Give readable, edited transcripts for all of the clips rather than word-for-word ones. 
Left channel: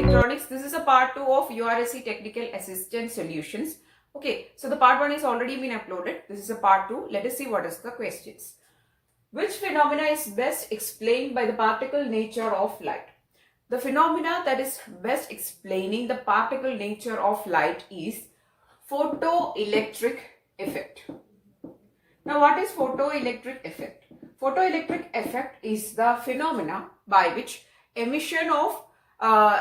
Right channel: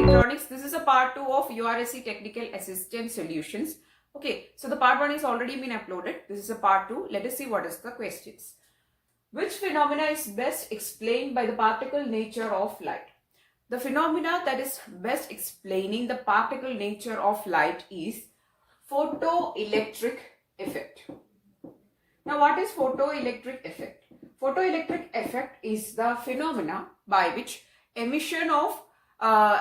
Electronics. This is a part 2 of URSC Technical Assistant solutions. Okay, so the part 1 is already been uploaded. This is a part 2. Let us see what is the questions. Which phenomena is best explained by the particle nature of light? The phenomena that is best explaining the particle nature of light is photoelectric effect. Now, what is photoelectric effect? Photoelectric effect is the phenomena by which emission of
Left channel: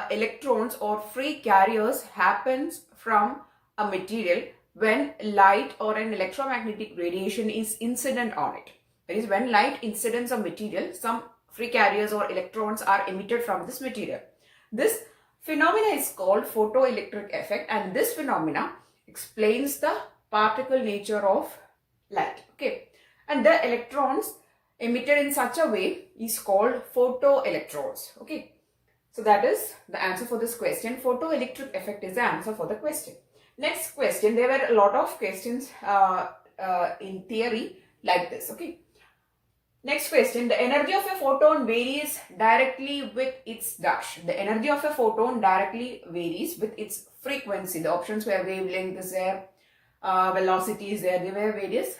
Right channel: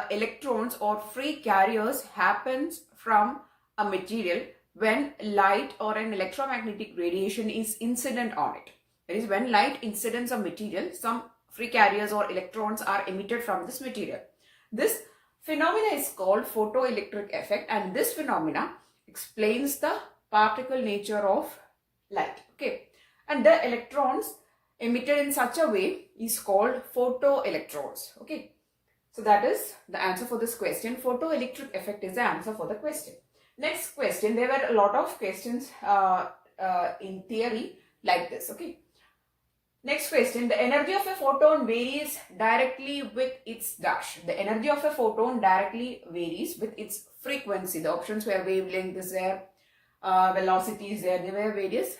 electrons or free carriers happens from a material when light or an electromagnetic radiation is incident on it. That is, when light incidents a material, some free carriers or electrons are emitted from this material. This phenomena is called photoelectric effect, and this phenomena explains the particle nature of light. Okay, and the electrons emitted in such a way is called photoelectrons. Okay, so that is the answer for this question. Photoelectric effect is the answer for the question. Next question, there were a lot of questions in theory like this. Okay, next question, the energy of a photon varies directly with its dash. The energy of a photon directly varies with its frequency. The options were wavelength is there, velocity is there. There were various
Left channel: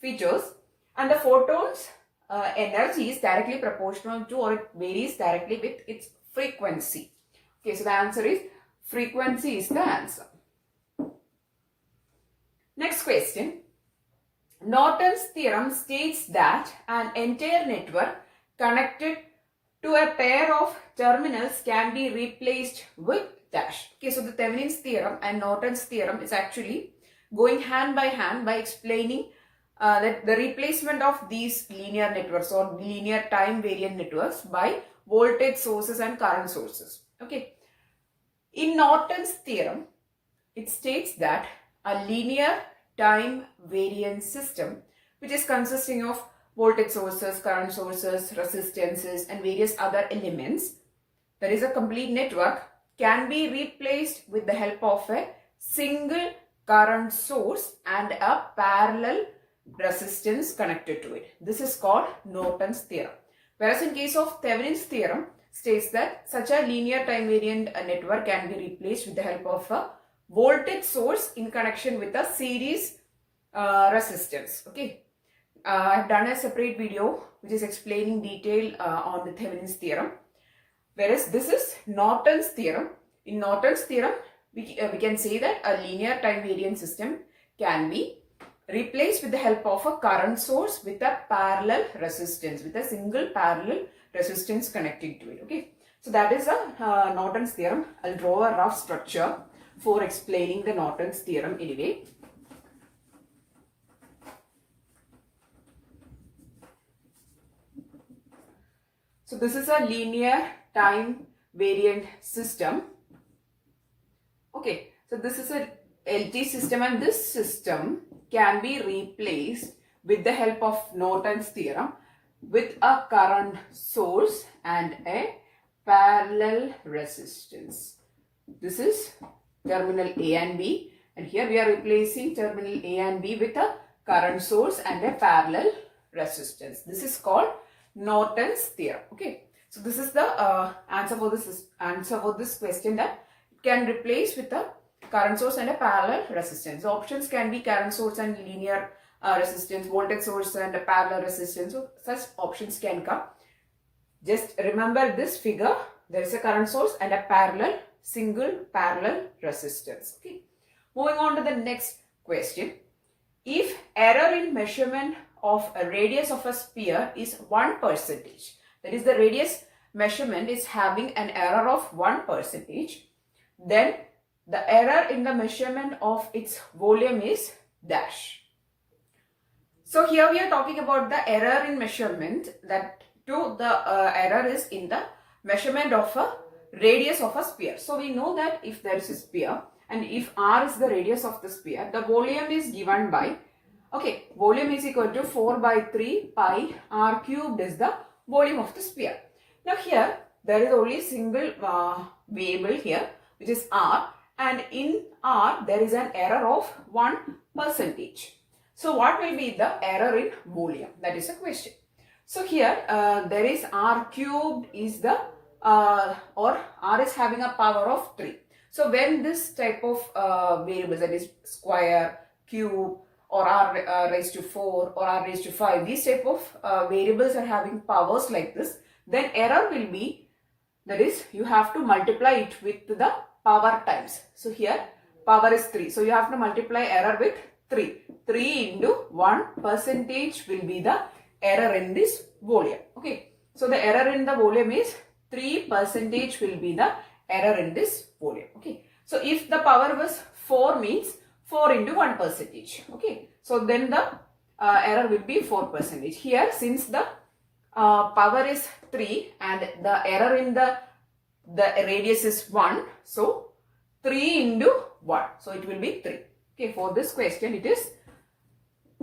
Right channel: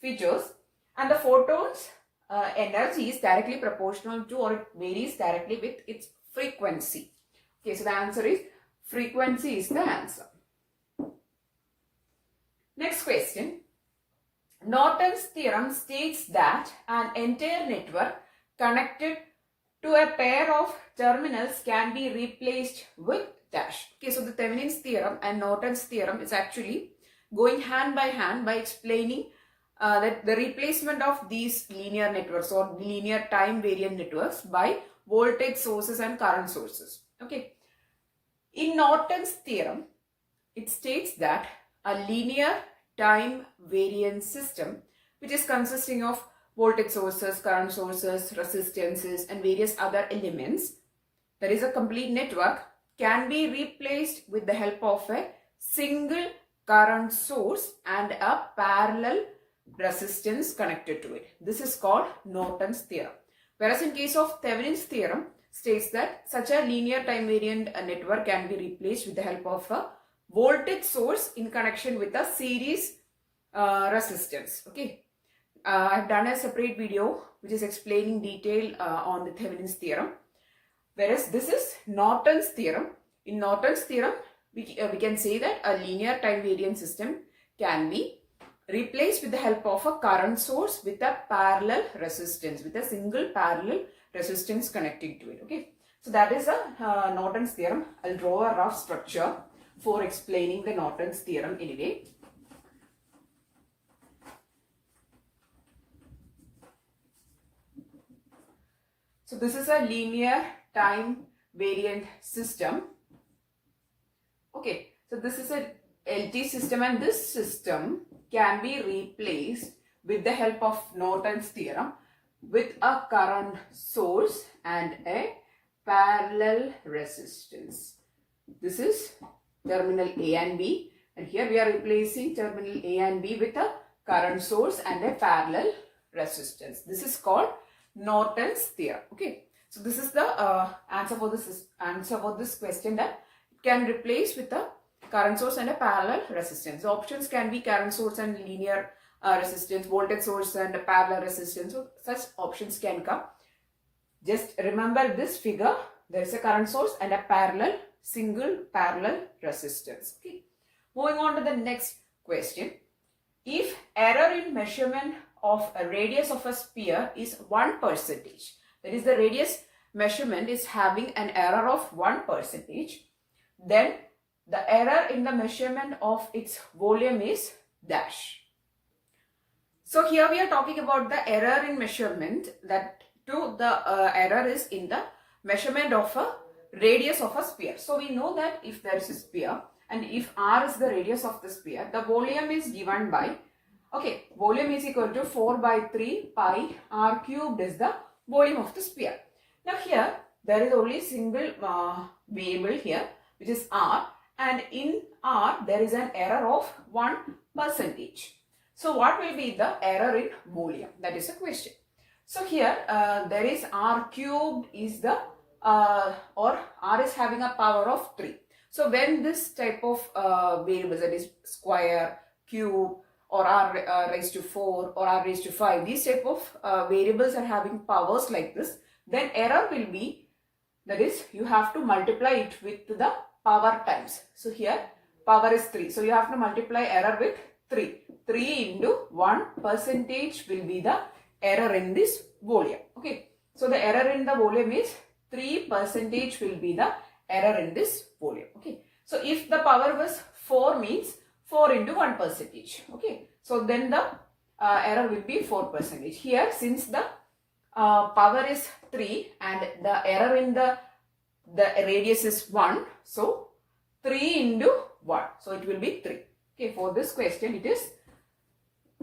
features, and the photon's energy is directly proportional to, or it varies directly with its frequency. Okay, so the answer is frequency is the answer. Next question. Norton's theorem states that an entire network connected to a pair of terminals can be replaced with dash. Okay, so the Thevenin's theorem and Norton's theorem is actually going hand by hand by explaining that the replacement of these linear networks or linear time variant networks by voltage sources and current sources. Okay, in Norton's theorem, it states that a linear time variant system, which is consisting of voltage sources, current sources, resistances, and various other elements, that is a complete network, can be replaced with the help of a single current source and a parallel resistance connected to it. This is called Norton's theorem. Whereas in case of Thevenin's theorem, states that such a linear time variant network can be replaced with the help of a voltage source in connection with a series resistance. Okay, I have done a separate video which is explaining detail on the Thevenin's theorem. Whereas this is Norton's theorem. In Norton's theorem, we can say that a linear time variant system can be replaced with the help of a current source with a parallel resistance, with a single parallel resistance connecting to it. Okay, so that is a Norton's theorem. I'll draw a rough structure for explaining the Norton's theorem anyway. So this is a linear time variant system. Okay, so this is a LT system, and this system can be replaced with the help of Norton's theorem with a current source and a parallel resistance. This is terminal A and B, and here we are replacing terminal A and B with a current source and a parallel resistance. This is called Norton's theorem. Okay, so this is the answer for this question, that it can replace with a current source and a parallel resistance. The options can be current source and linear resistance, voltage source and a parallel resistance. So such options can come. Just remember this figure. There is a current source and a single parallel resistance. Okay. Moving on to the next question. If error in measurement of a radius of a sphere is 1%, that is, the radius measurement is having an error of 1%, then the error in the measurement of its volume is dash. So here we are talking about the error in measurement, that the error is in the measurement of a radius of a sphere. So we know that if there is a sphere and if r is the radius of the sphere, the volume is given by, okay, volume is equal to 4 by 3 pi r cubed is the volume of the sphere. Now here there is only single variable here, which is r, and in r there is an error of 1%. So what will be the error in volume? That is the question. So here there is r cubed is the or R is having a power of 3. So when this type of variables, that is square, cube, or R raised to 4 or R raised to 5, these type of variables are having powers like this, then error will be, that is, you have to multiply it with the power times. So here power is 3. So you have to multiply error with 3. 3 into 1% will be the error in this volume. Okay. So the error in the volume is 3% will be the error in this volume. Okay. So if the power was 4 means 4 into 1%. Okay. So then the error will be 4%. Here since the power is 3 and the error in the radius is 1. So 3 into 1. So it will be 3. Okay. For this question it is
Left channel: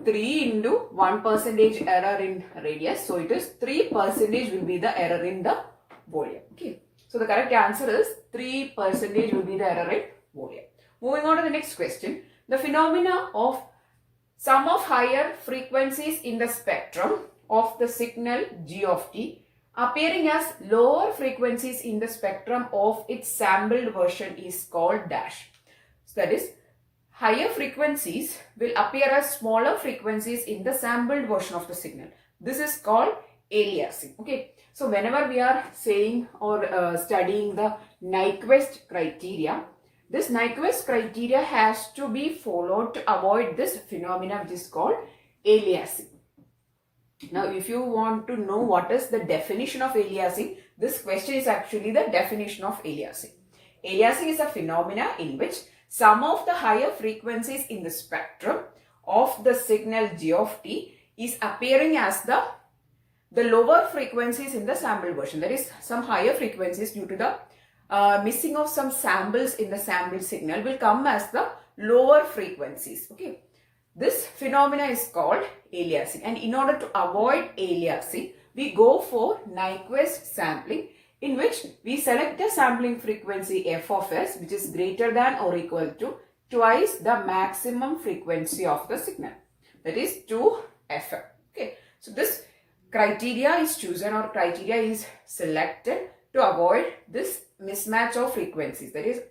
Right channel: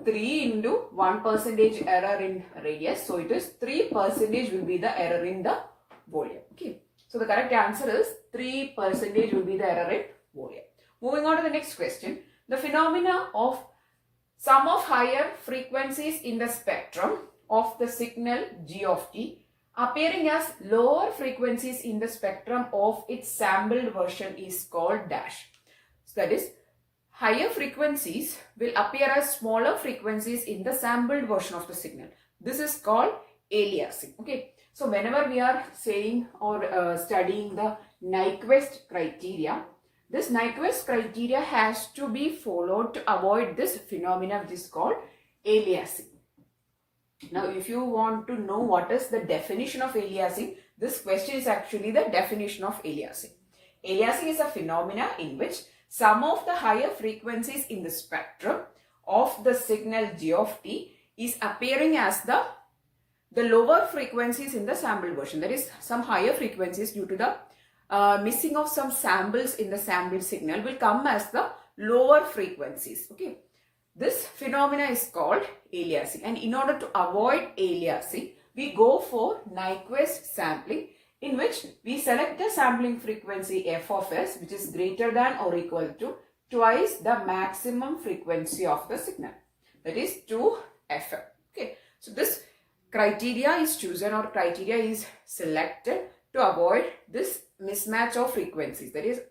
3 into 1% error in radius. So it is 3% will be the error in the volume. Okay. So the correct answer is 3% will be the error in volume. Moving on to the next question. The phenomena of sum of higher frequencies in the spectrum of the signal g of t appearing as lower frequencies in the spectrum of its sampled version is called dash. So that is, higher frequencies will appear as smaller frequencies in the sampled version of the signal. This is called aliasing. Okay. So whenever we are saying or studying the Nyquist criteria, this Nyquist criteria has to be followed to avoid this phenomenon which is called aliasing. Now if you want to know what is the definition of aliasing, this question is actually the definition of aliasing. Aliasing is a phenomena in which some of the higher frequencies in the spectrum of the signal g of t is appearing as the lower frequencies in the sample version. That is, some higher frequencies due to the missing of some samples in the sample signal will come as the lower frequencies. Okay. This phenomena is called aliasing, and in order to avoid aliasing, we go for Nyquist sampling, in which we select a sampling frequency f of s which is greater than or equal to twice the maximum frequency of the signal, that is 2fm. Okay. So this criteria is chosen or criteria is selected to avoid this mismatch of frequencies, that is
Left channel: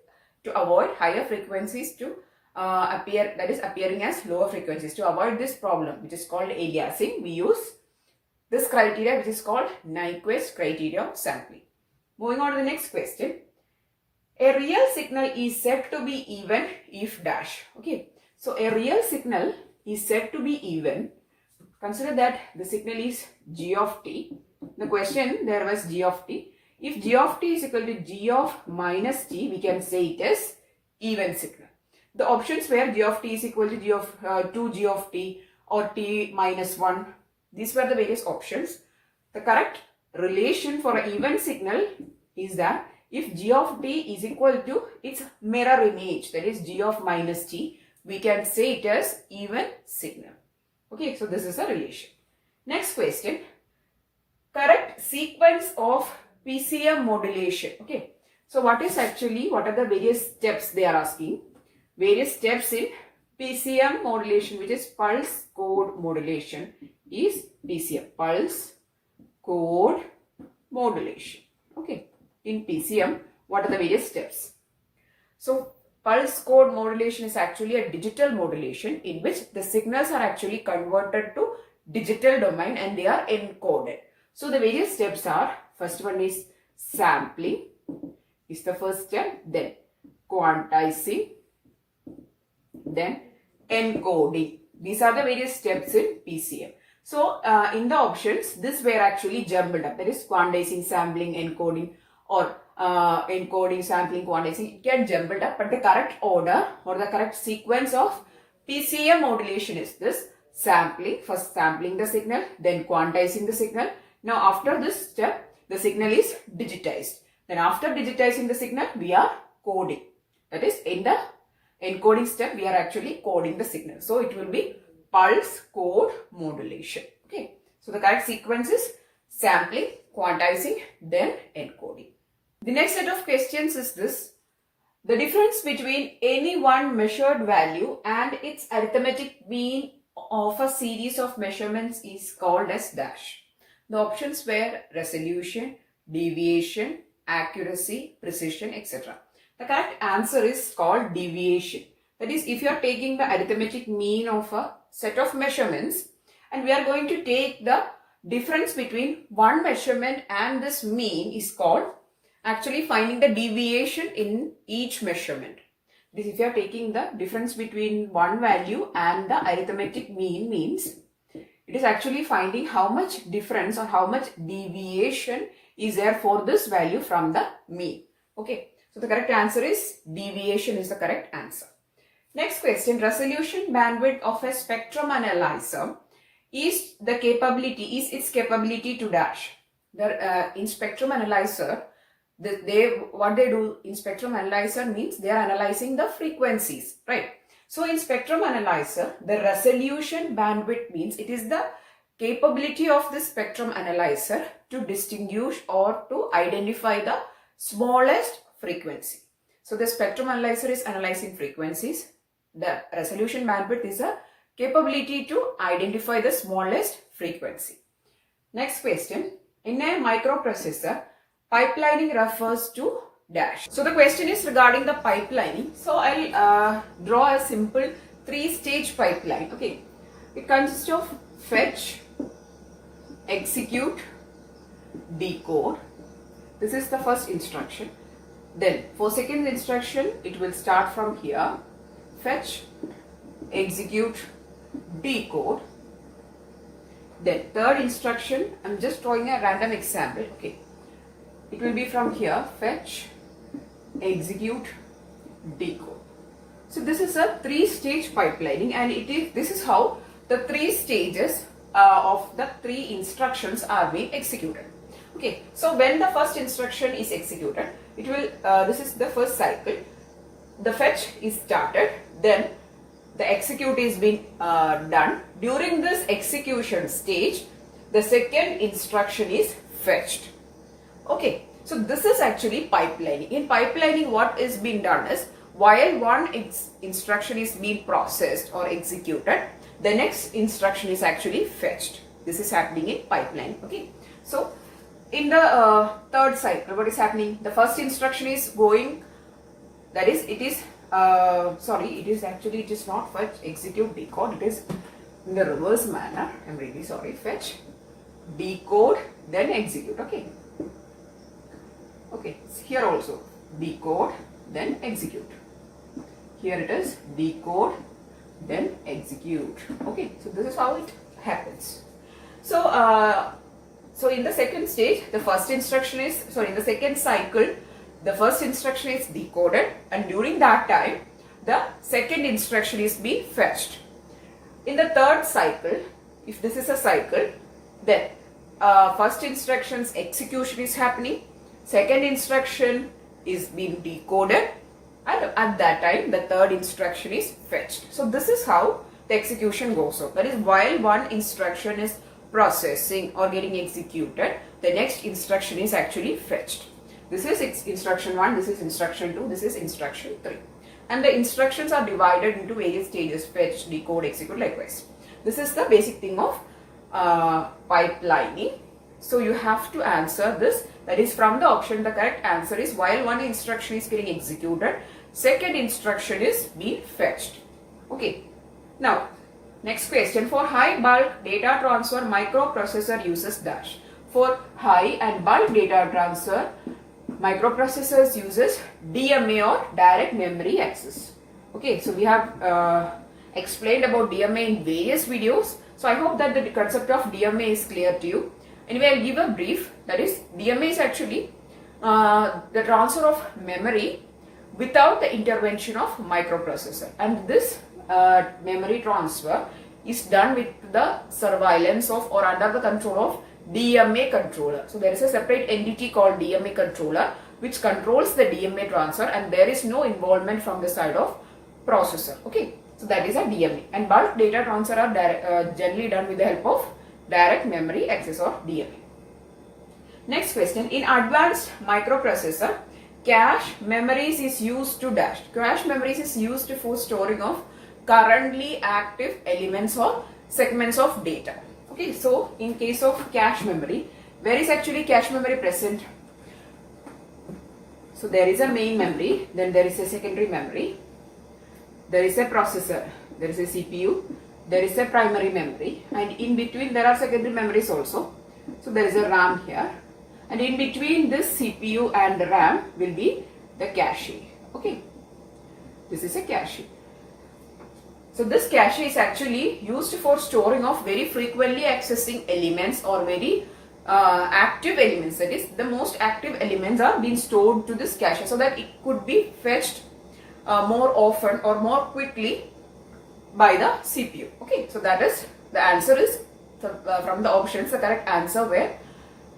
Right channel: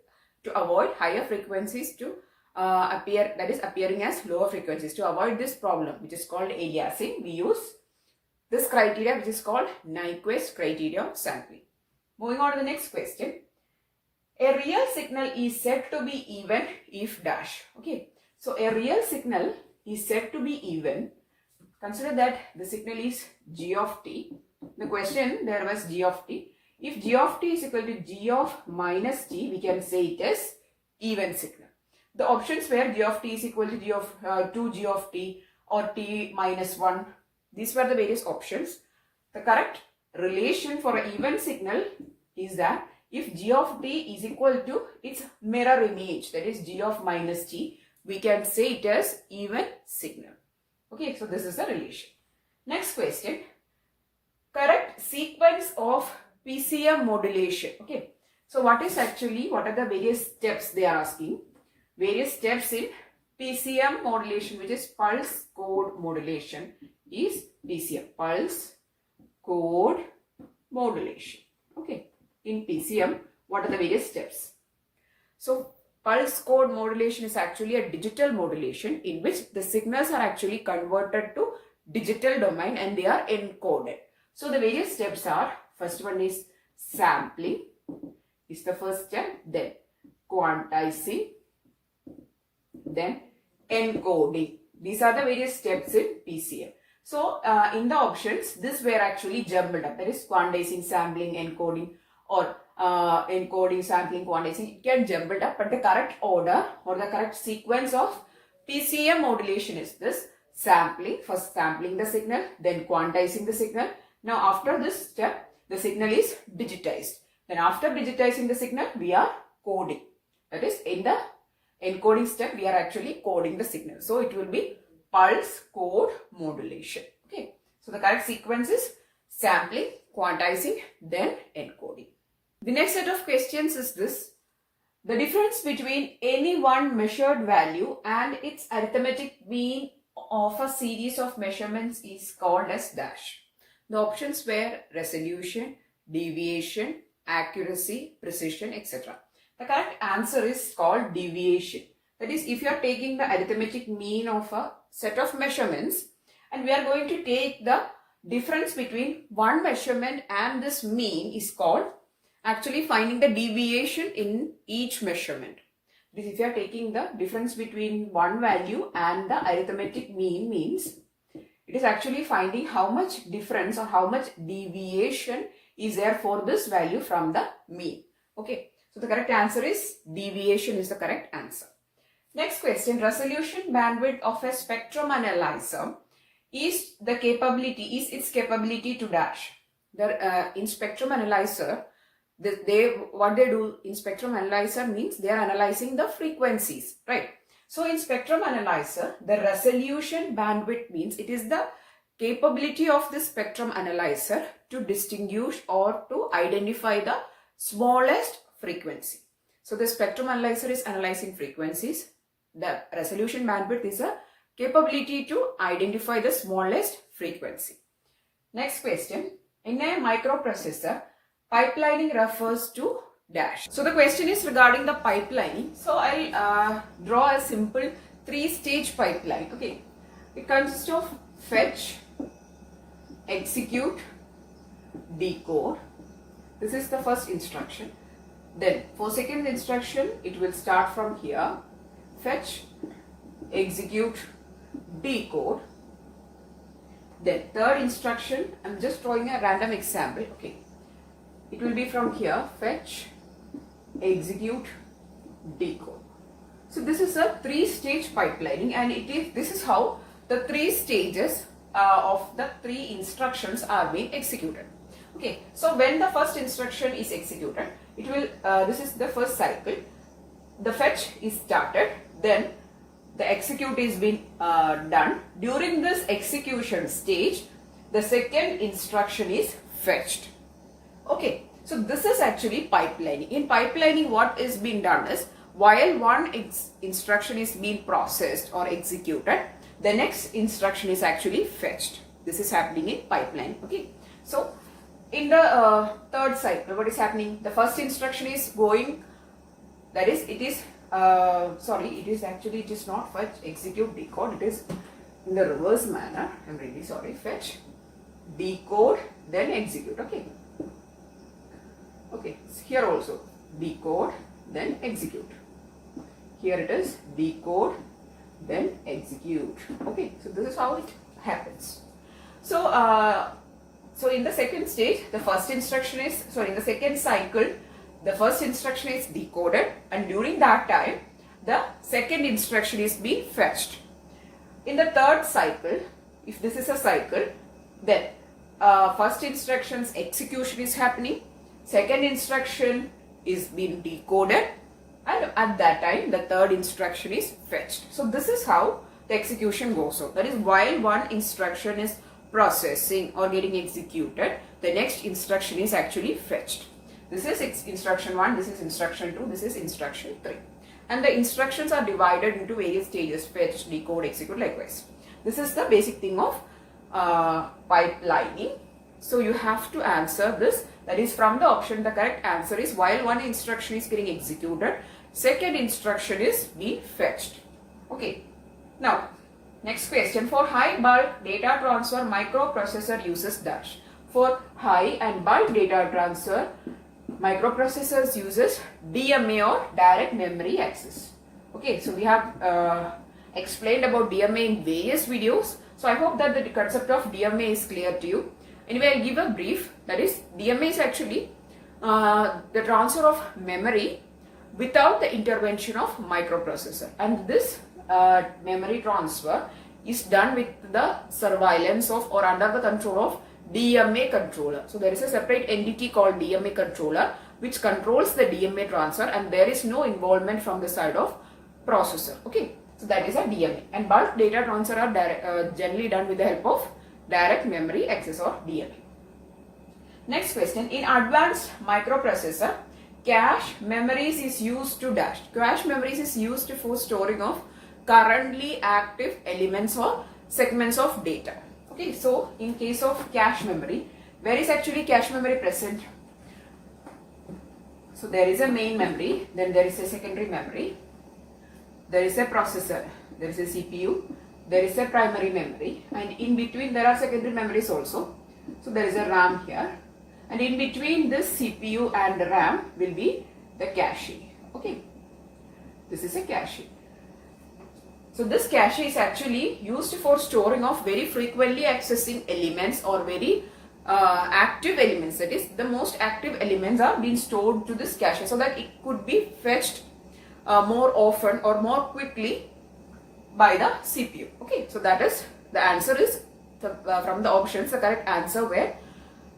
to avoid higher frequencies to appear, that is appearing as lower frequencies. To avoid this problem which is called aliasing, we use this criteria which is called Nyquist criteria of sampling. Moving on to the next question. A real signal is said to be even if dash. Okay. So a real signal is said to be even. Consider that the signal is g of t. The question there was g of t. If g of t is equal to g of minus t, we can say it as even signal. The options were g of t is equal to g of 2g of t or t minus 1. These were the various options. The correct relation for an even signal is that if g of t is equal to its mirror image, that is g of minus t, we can say it as even signal. Okay, so this is a relation. Next question. Correct sequence of PCM modulation. Okay, so what are the various steps they are asking? Various steps in PCM modulation, which is pulse code modulation, is PCM, pulse code modulation. Okay, in PCM, what are the various steps? So pulse code modulation is actually a digital modulation in which the signals are actually converted to digital domain and they are encoded. So the various steps are, first one is sampling is the first step, then quantizing, then encoding. These are the various steps in PCM. So in the options, this were actually jumbled up, that is quantizing, sampling, encoding, or encoding, sampling, quantizing. It get jumbled up, but the correct order or the correct sequence of PCM modulation is this: sampling, first sampling the signal, then quantizing the signal. Now after this step, the signal is digitized. Then after digitizing the signal, we are coding. That is, in the encoding step, we are actually coding the signal. So it will be pulse code modulation. Okay. So the correct sequence is sampling, quantizing, then encoding. The next set of questions is this: the difference between any one measured value and its arithmetic mean of a series of measurements is called as dash. The options were resolution, deviation, accuracy, precision, etc. The correct answer is called deviation. That is, if you are taking the arithmetic mean of a set of measurements and we are going to take the difference between one measurement and this mean is called actually finding the deviation in each measurement. This, if you are taking the difference between one value and the arithmetic mean means it is actually finding how much difference or how much deviation is there for this value from the mean. Okay, so the correct answer is deviation is the correct answer. Next question, resolution bandwidth of a spectrum analyzer is its capability to dash. In spectrum analyzer, what they do in spectrum analyzer means they are analyzing the frequencies, right? So in spectrum analyzer, the resolution bandwidth means it is the capability of the spectrum analyzer to distinguish or to identify the smallest frequency. So the spectrum analyzer is analyzing frequencies. The resolution bandwidth is a capability to identify the smallest frequency. Next question, in a microprocessor, pipelining refers to dash. So the question is regarding the pipelining. So I'll draw a simple three-stage pipeline. Okay, it consists of fetch, execute, decode. This is the first instruction. Then for second instruction, it will start from here. Fetch, execute, decode. Then third instruction, I'm just drawing a random example. Okay, it will be from here. Fetch, execute, decode. So this is a three-stage pipelining, and this is how the three stages of the three instructions are being executed. Okay, so when the first instruction is executed, it will this is the first cycle. The fetch is started, then the execute is being done. During this execution stage, the second instruction is fetched. Okay, so this is actually pipelining. In pipelining, what is being done is while one instruction is being processed or executed, the next instruction is actually fetched. This is happening in pipeline. Okay, so in the third cycle, what is happening? The first instruction is going, that is, it is not fetch, execute, decode. It is in the reverse manner. I'm really sorry. Fetch, decode, then execute. Okay. Okay, here also decode, then execute. Here it is decode, then execute. Okay, so this is how it happens. So, so in the second stage, the first instruction is, in the second cycle, the first instruction is decoded, and during that time, the second instruction is being fetched. In the third cycle, if this is a cycle, then first instruction's execution is happening, second instruction is being decoded, and at that time, the third instruction is fetched. So this is how the execution goes on. That is, while one instruction is processing or getting executed, the next instruction is actually fetched. This is instruction 1, this is instruction 2, this is instruction 3. And the instructions are divided into various stages: fetch, decode, execute, likewise. This is the basic thing of pipelining. So you have to answer this. That is, from the option, the correct answer is while one instruction is getting executed, second instruction is being fetched. Okay. Now, next question. For high bulk data transfer, microprocessor uses dash. For high and bulk data transfer, microprocessors uses DMA or direct memory access. Okay, so we have explained about DMA in various videos. So I hope that the concept of DMA is clear to you. Anyway, I'll give a brief. That is, DMA is actually the transfer of memory without the intervention of microprocessor. And this memory transfer is done with the surveillance of or under the control of DMA controller. So there is a separate entity called DMA controller which controls the DMA transfer, and there is no involvement from the side of processor. Okay, so that is a DMA. And bulk data transfer are generally done with the help of direct memory access or DMA. Next question. In advanced microprocessor, cache memories is used to dash. Cache memories is used for storing of currently active elements or segments of data. Okay, so in case of cache memory, where is actually cache memory present? So there is a main memory, then there is a secondary memory, there is a processor, there is a CPU, there is a primary memory, and in between there are secondary memories also. So there is a RAM here, and in between this CPU and the RAM will be the cache. Okay, this is a cache. So this cache is actually used for storing of very frequently accessing elements or very active elements. That is, the most active elements are being stored to this cache so that it could be fetched more often or more quickly by the CPU. Okay, so that is the answer is from the options. The correct answer where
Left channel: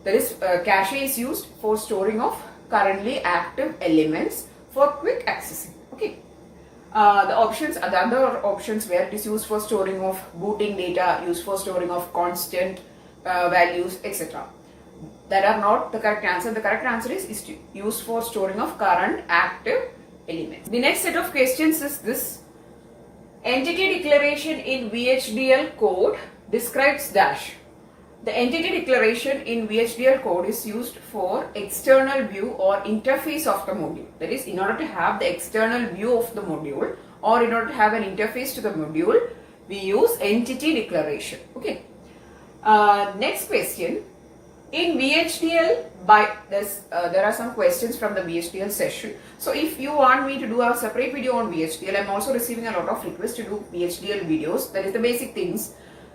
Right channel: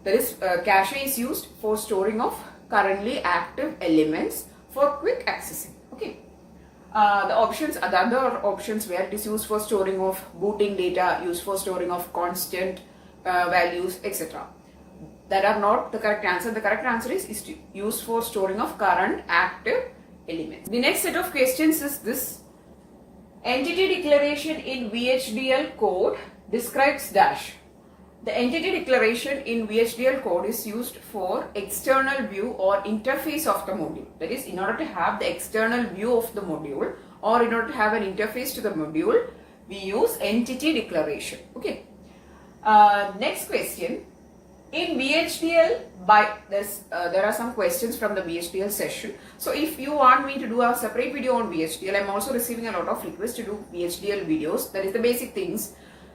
there is cache is used for storing of currently active elements for quick accessing. Okay. The other options where it is used for storing of booting data, used for storing of constant values, etc. That are not the correct answer. The correct answer is used for storing of current active elements. The next set of questions is this. Entity declaration in Vhdl code describes dash. The entity declaration in Vhdl code is used for external view or interface of the module. That is, in order to have the external view of the module or in order to have an interface to the module, we use entity declaration. Okay. Next question. In Vhdl, there are some questions from the Vhdl session. So if you want me to do a separate video on Vhdl, I am also receiving a lot of requests to do Vhdl videos. That is the basic things.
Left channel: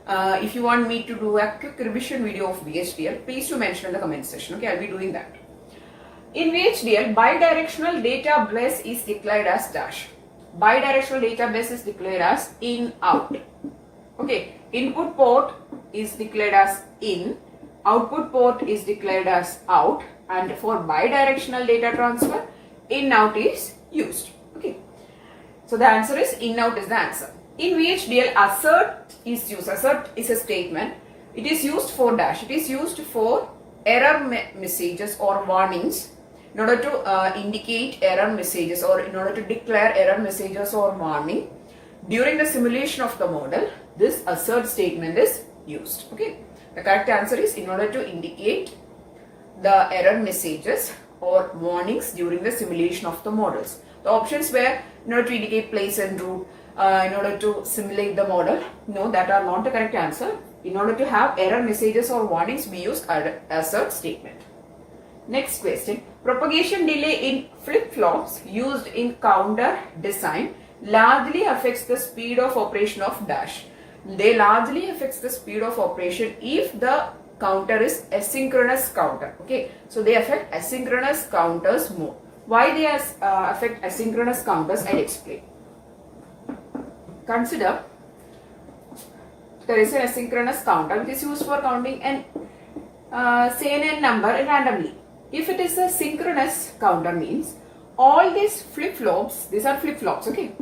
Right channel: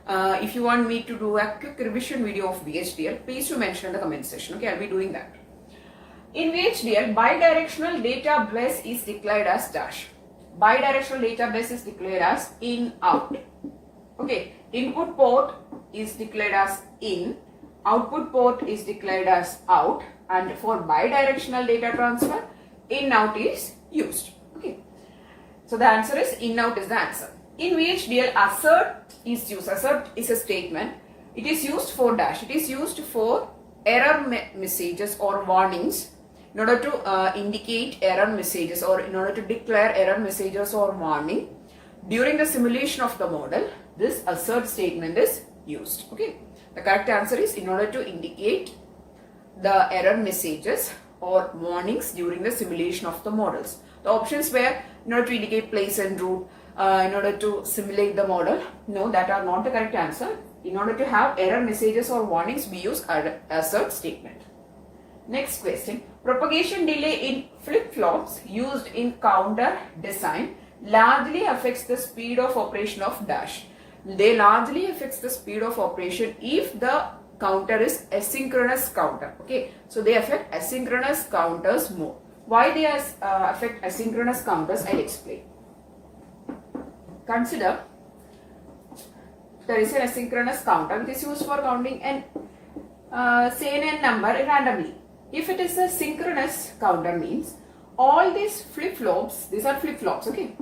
If you want me to do a quick revision video of Vhdl, please do mention in the comment section. Okay, I'll be doing that. In Vhdl, bidirectional data bus is declared as dash. Bidirectional data bus is declared as in out. Okay, input port is declared as in, output port is declared as out, and for bidirectional data transfer, in out is used. Okay, so the answer is in out is the answer. In Vhdl, assert is used. Assert is a statement. It is used for dash. It is used for error messages or warnings in order to indicate error messages or in order to declare error messages or warning during the simulation of the model. This assert statement is used. Okay. The correct answer is in order to indicate the error messages or warnings during the simulation of the models. The options were in order to indicate place and route, in order to simulate the model. No, that are not the correct answer. In order to have error messages or warnings, we use assert statement. Next question. Propagation delay in flip-flops used in counter design largely affects the speed of operation of dash. They largely affects the speed of operation if the counter is asynchronous counter. Okay, so they affect asynchronous counters more. Why they affect asynchronous counters, I'll explain. Consider there is an asynchronous counter which is used for counting an n number randomly. If it is a synchronous counter, means all these flip-flops, these are flip-flops, okay,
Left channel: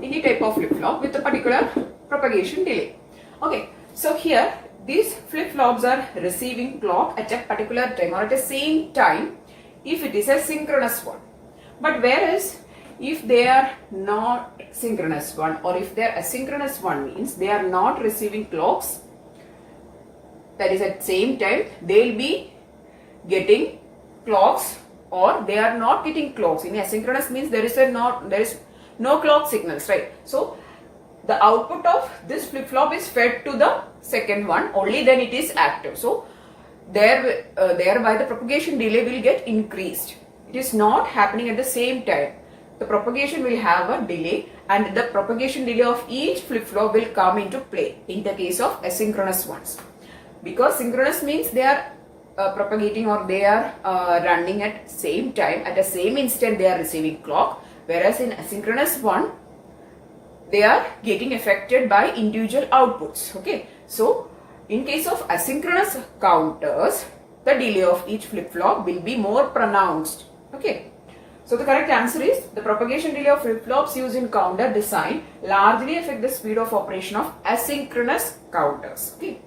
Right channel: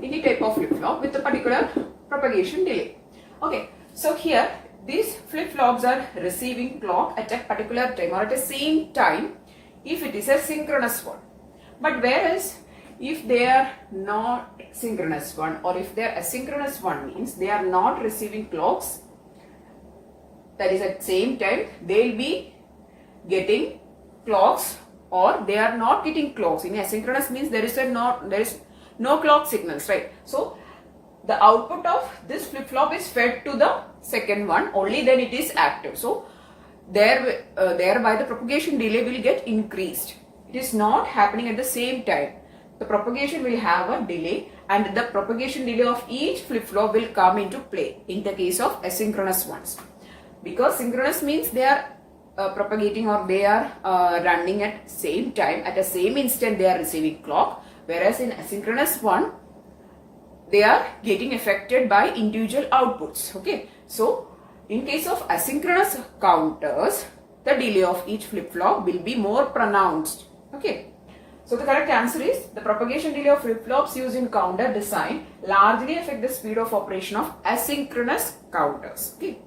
any type of flip-flop with a particular propagation delay. Okay, so here these flip-flops are receiving clock at a particular time or at the same time if it is a synchronous one. But whereas if they are not synchronous one or if they are asynchronous one, means they are not receiving clocks, that is at same time, they will be getting clocks or they are not getting clocks. In asynchronous means there is no clock signals, right? So the output of this flip-flop is fed to the second one, only then it is active. So thereby the propagation delay will get increased. It is not happening at the same time. The propagation will have a delay and the propagation delay of each flip-flop will come into play in the case of asynchronous ones. Because synchronous means they are propagating or they are running at same time, at the same instant they are receiving clock, whereas in asynchronous one they are getting affected by individual outputs. Okay, so in case of asynchronous counters, the delay of each flip-flop will be more pronounced. Okay, so the correct answer is the propagation delay of flip-flops used in counter design largely affect the speed of operation of asynchronous counters. Okay,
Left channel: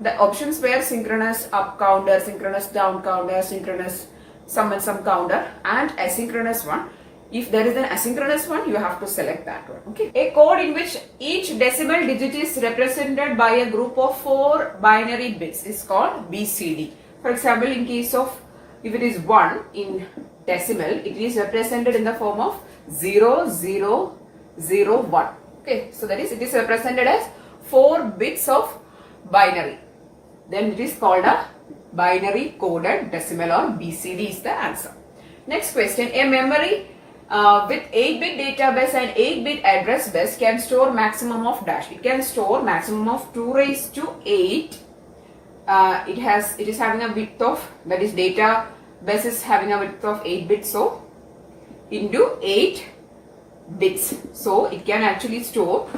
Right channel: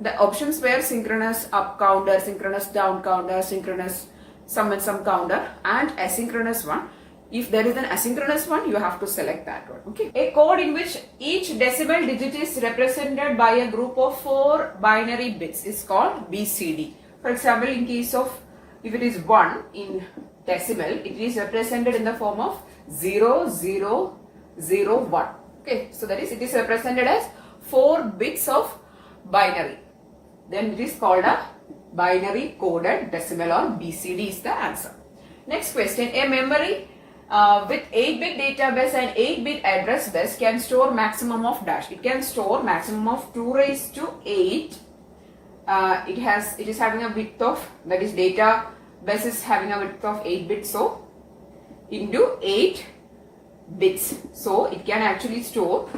the options were synchronous up counter, synchronous down counter, synchronous sum and sum counter, and asynchronous one. If there is an asynchronous one, you have to select that one. Okay, a code in which each decimal digit is represented by a group of 4 binary bits is called BCD. For example, in case of if it is 1 in decimal, it is represented in the form of 0001. Okay, so that is, it is represented as 4 bits of binary. Then it is called a binary coded decimal, or BCD is the answer. Next question, a memory with 8-bit database and 8-bit address bus can store maximum of dash. It can store maximum of 2 raised to 8. It is having a width of, that is data bus is having a width of 8 bits, so into 8 bits. So it can actually store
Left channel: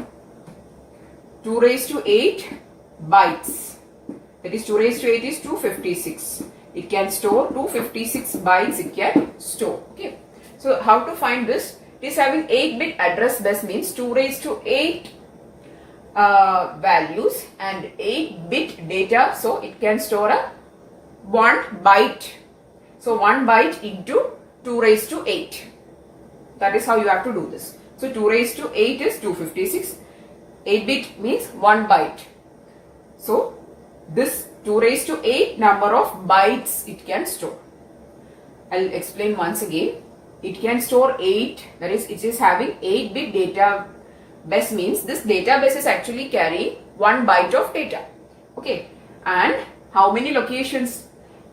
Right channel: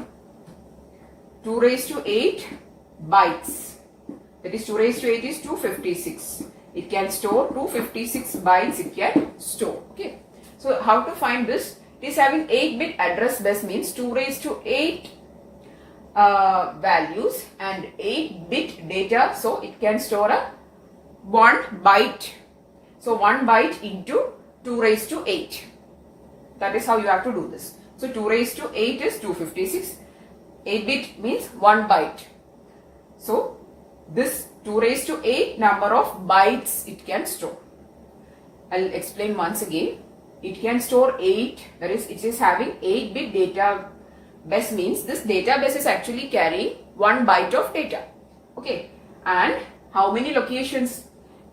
2 raised to 8 bytes. That is 2 raised to 8 is 256. It can store 256 bytes, it can store. Okay. So how to find this? It is having 8-bit address bus, means 2 raised to 8 values and 8-bit data. So it can store a 1 byte. So 1 byte into 2 raised to 8. That is how you have to do this. So 2 raised to 8 is 256. 8-bit means 1 byte. So this 2 raised to 8 number of bytes it can store. I'll explain once again. It can store 8, that is, it is having 8-bit data bus, means this database is actually carrying 1 byte of data. Okay, and how many locations?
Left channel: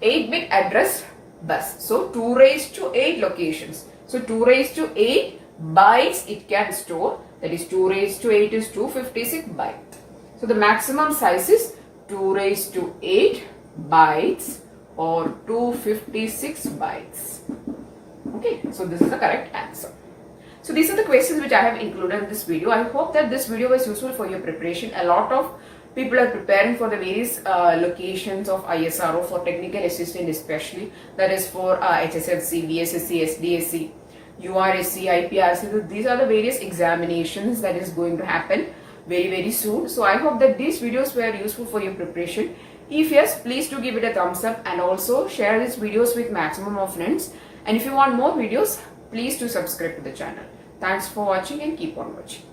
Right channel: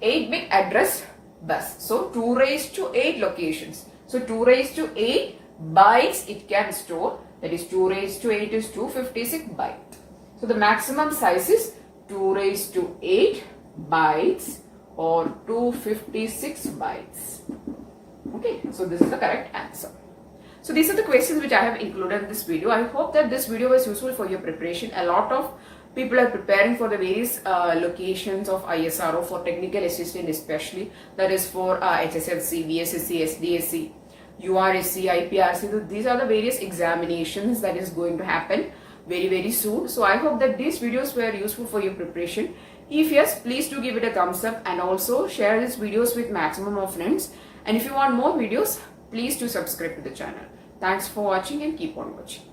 8-bit address bus. So 2 raised to 8 locations. So 2 raised to 8 bytes it can store, that is 2 raised to 8 is 256 bytes. So the maximum size is 2 raised to 8 bytes or 256 bytes. Okay, so this is the correct answer. So these are the questions which I have included in this video. I hope that this video was useful for your preparation. A lot of people are preparing for the various locations of ISRO, for technical assistant especially, that is for HSLC, VSSC, SDSC, URSC, IPRC. So these are the various examinations that is going to happen very soon. So I hope that these videos were useful for your preparation. If yes, please do give it a thumbs up and also share these videos with maximum of friends. And if you want more videos, please do subscribe to the channel. Thanks for watching and keep on watching.